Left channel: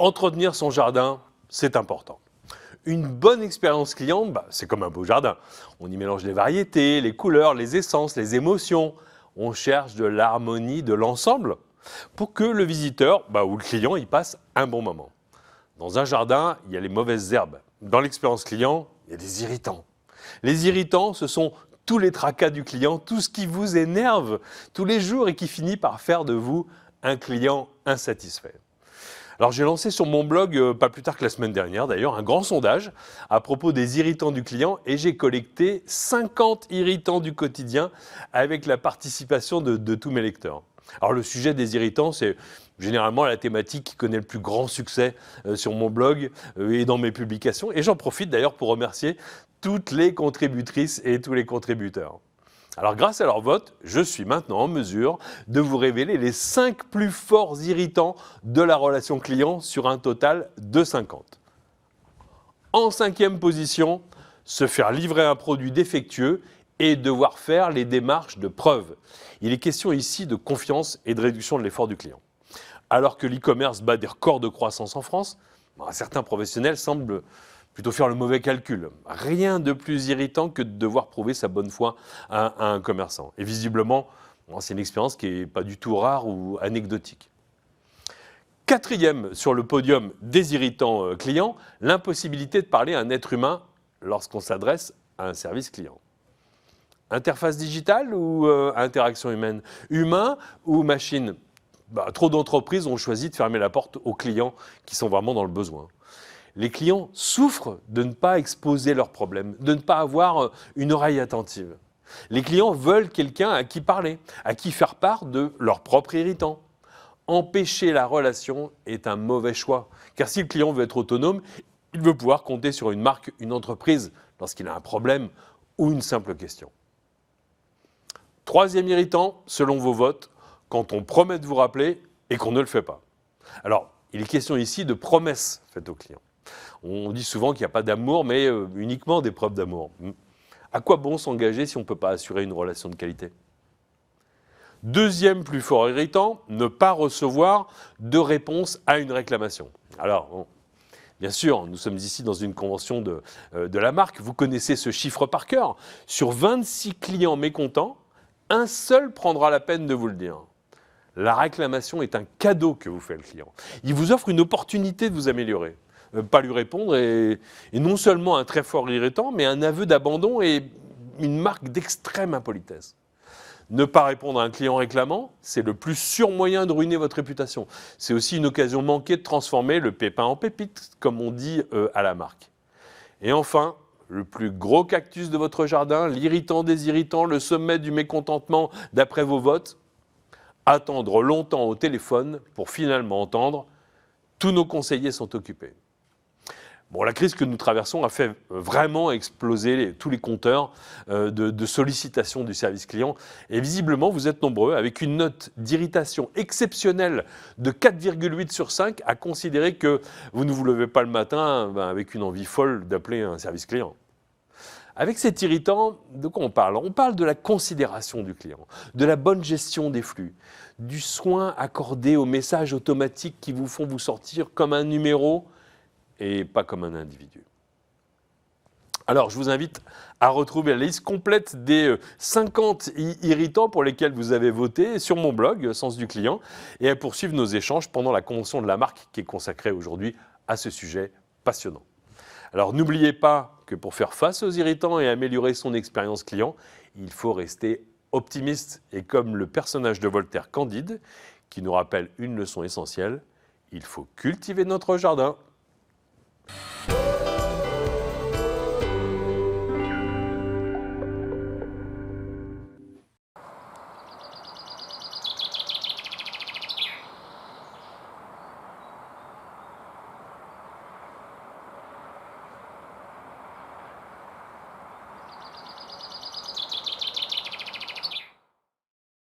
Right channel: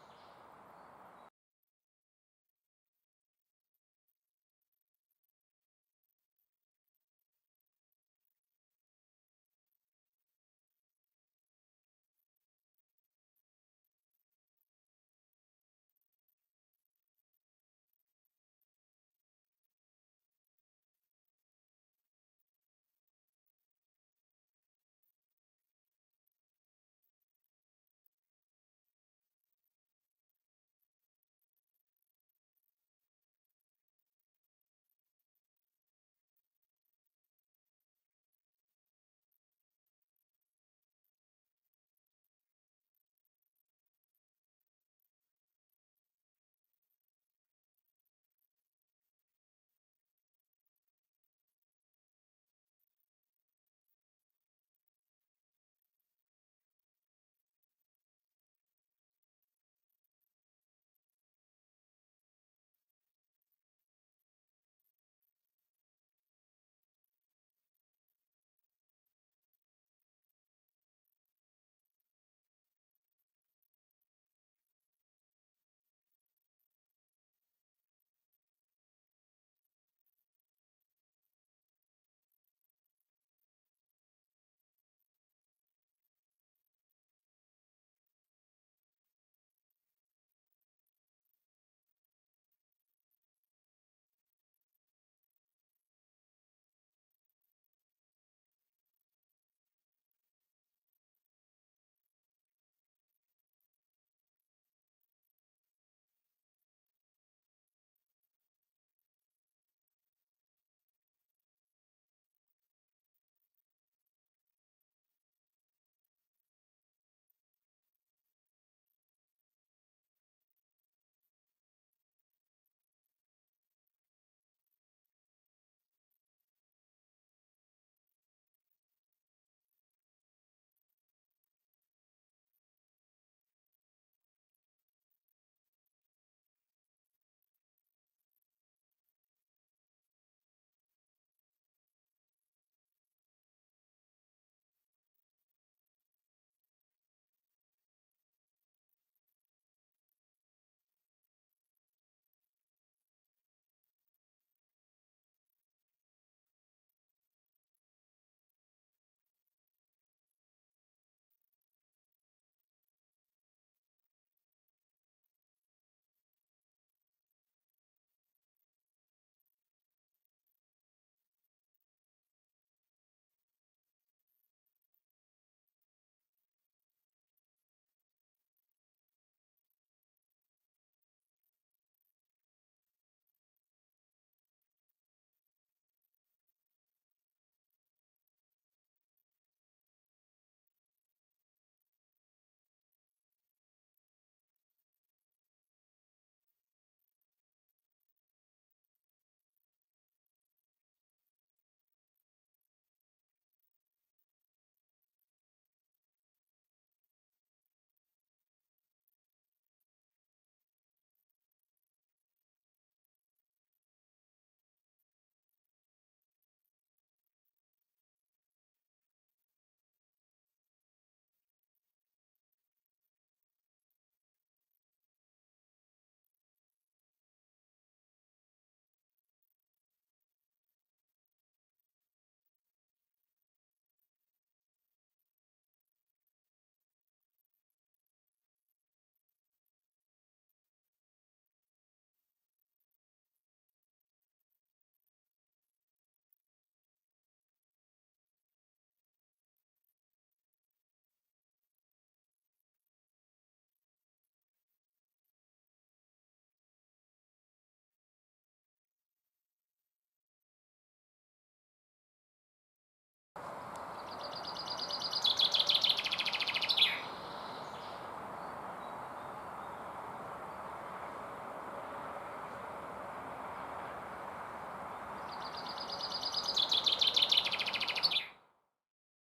Entretenir son jardin, c'est important. Une bonne expérience client, c'est comme un beau jardin. On y mélange les variétés, les couleurs, les essences, les émotions. On cherche de l'harmonie de l'ensemble pour que le visiteur ou le client y passe un bon moment. Dans un jardin, il y a les mauvaises herbes. Dans l'expérience client, il y a des irritants. Les irritants, ce sont tous les tracas du client, tout ce qui vous énerve tous les jours et qui finit par faire de vous un client insatisfait. Alors j'ai lancé sur mon blog, pas plus tard que la semaine dernière d'ailleurs, un grand sondage à propos des irritants du client et j'ai collecté 50 irritants du quotidien avec la participation de tous mes lecteurs. Alors le sujet des irritants, c'est généralement la thématique qui connaît le plus grand succès sur mon blog et dans mes publications. Et j'en profite d'ailleurs pour remercier toutes les contributrices et tous les contributeurs. Alors grâce à leur vote, je suis maintenant en mesure de vous révéler les 5 plus forts irritants de la relation client sur un total de 50. En 5e position, se faire livrer un produit défectueux et devoir faire les démarches de preuve. Il est question ici de confiance et de réduction de l'effort du client. Alors que l'e-commerce bat des records de croissance en France, certains professionnels semblent plutôt faire le mauvais calcul. Rien de plus irritant que de devoir prouver sa bonne foi à un commerçant. Et visiblement, c'est une expérience qui n'est pas du tout rare ou anecdotique. 4e sur le podium des irritants clients, l'impossibilité de parler à un être humain lorsqu'on s'adresse à un service client. Interface digitale ou interaction humaine? Humain ou machine? Trop d'entreprises ont choisi de fermer la porte aux clients qui sont vraiment dans le besoin. Les clients souffrent de ne pas exposer leurs problèmes, de ne pas avoir une oreille attentive. Les clients veulent quelqu'un à qui parler, à qui faire part de leurs propres irritants. Empêcher la relation est un mauvais choix, car si le client veut être autonome, il veut pouvoir compter sur une marque, une entreprise, lorsqu'il a un problème ou une simple question. 3e irritant, selon vos votes, quand on promet de vous rappeler et qu'on ne le fait pas. Alors, il est question ici de promesses faites aux clients. On dit souvent qu'il n'y a pas d'amour, mais uniquement des preuves d'amour. À quoi bon s'engager si on ne peut pas assurer une relation de qualité? 2e plus fort irritant, ne pas recevoir de réponse à une réclamation. Alors, bien sûr, nous sommes ici dans une convention de la marque. Vous connaissez ce chiffre par cœur. Sur 26 clients mécontents, un seul prendra la peine de vous le dire. La réclamation est un cadeau que vous fait le client. Il vous offre une opportunité de vous améliorer. Pas lui répondre est non seulement un très fort irritant, mais un aveu d'abandon et une marque d'extrême impolitesse. Ne pas répondre à un client réclamant, c'est le plus sûr moyen de ruiner votre réputation. C'est aussi une occasion manquée de transformer le pépin en pépite, comme on dit à la marque. Et enfin, le plus gros cactus de votre jardin, l'irritant des irritants, le sommet du mécontentement d'après vos votes, attendre longtemps au téléphone pour finalement entendre « tous nos conseillers sont occupés ». Bon, la crise que nous traversons a fait vraiment exploser tous les compteurs de sollicitations du service client. Et visiblement, vous êtes nombreux, avec une note d'irritation exceptionnelle de 4,8 sur 5, à considérer que vous ne vous levez pas le matin avec une envie folle d'appeler un service client. Avec cet irritant, de quoi on parle? On parle de la considération du client, de la bonne gestion des flux, du soin accordé aux messages automatiques qui vous font vous sortir comme un numéro et pas comme un individu. Alors, je vous invite à retrouver la liste complète des 50 irritants pour lesquels vous avez voté sur mon blog Sens du client et à poursuivre nos échanges pendant la convention de la marque qui est consacrée aujourd'hui à ce sujet passionnant. Alors, n'oubliez pas que pour faire face aux irritants et améliorer son expérience client, il faut rester optimiste et comme le personnage de Voltaire Candide qui nous rappelle une leçon essentielle, il faut cultiver notre jardin.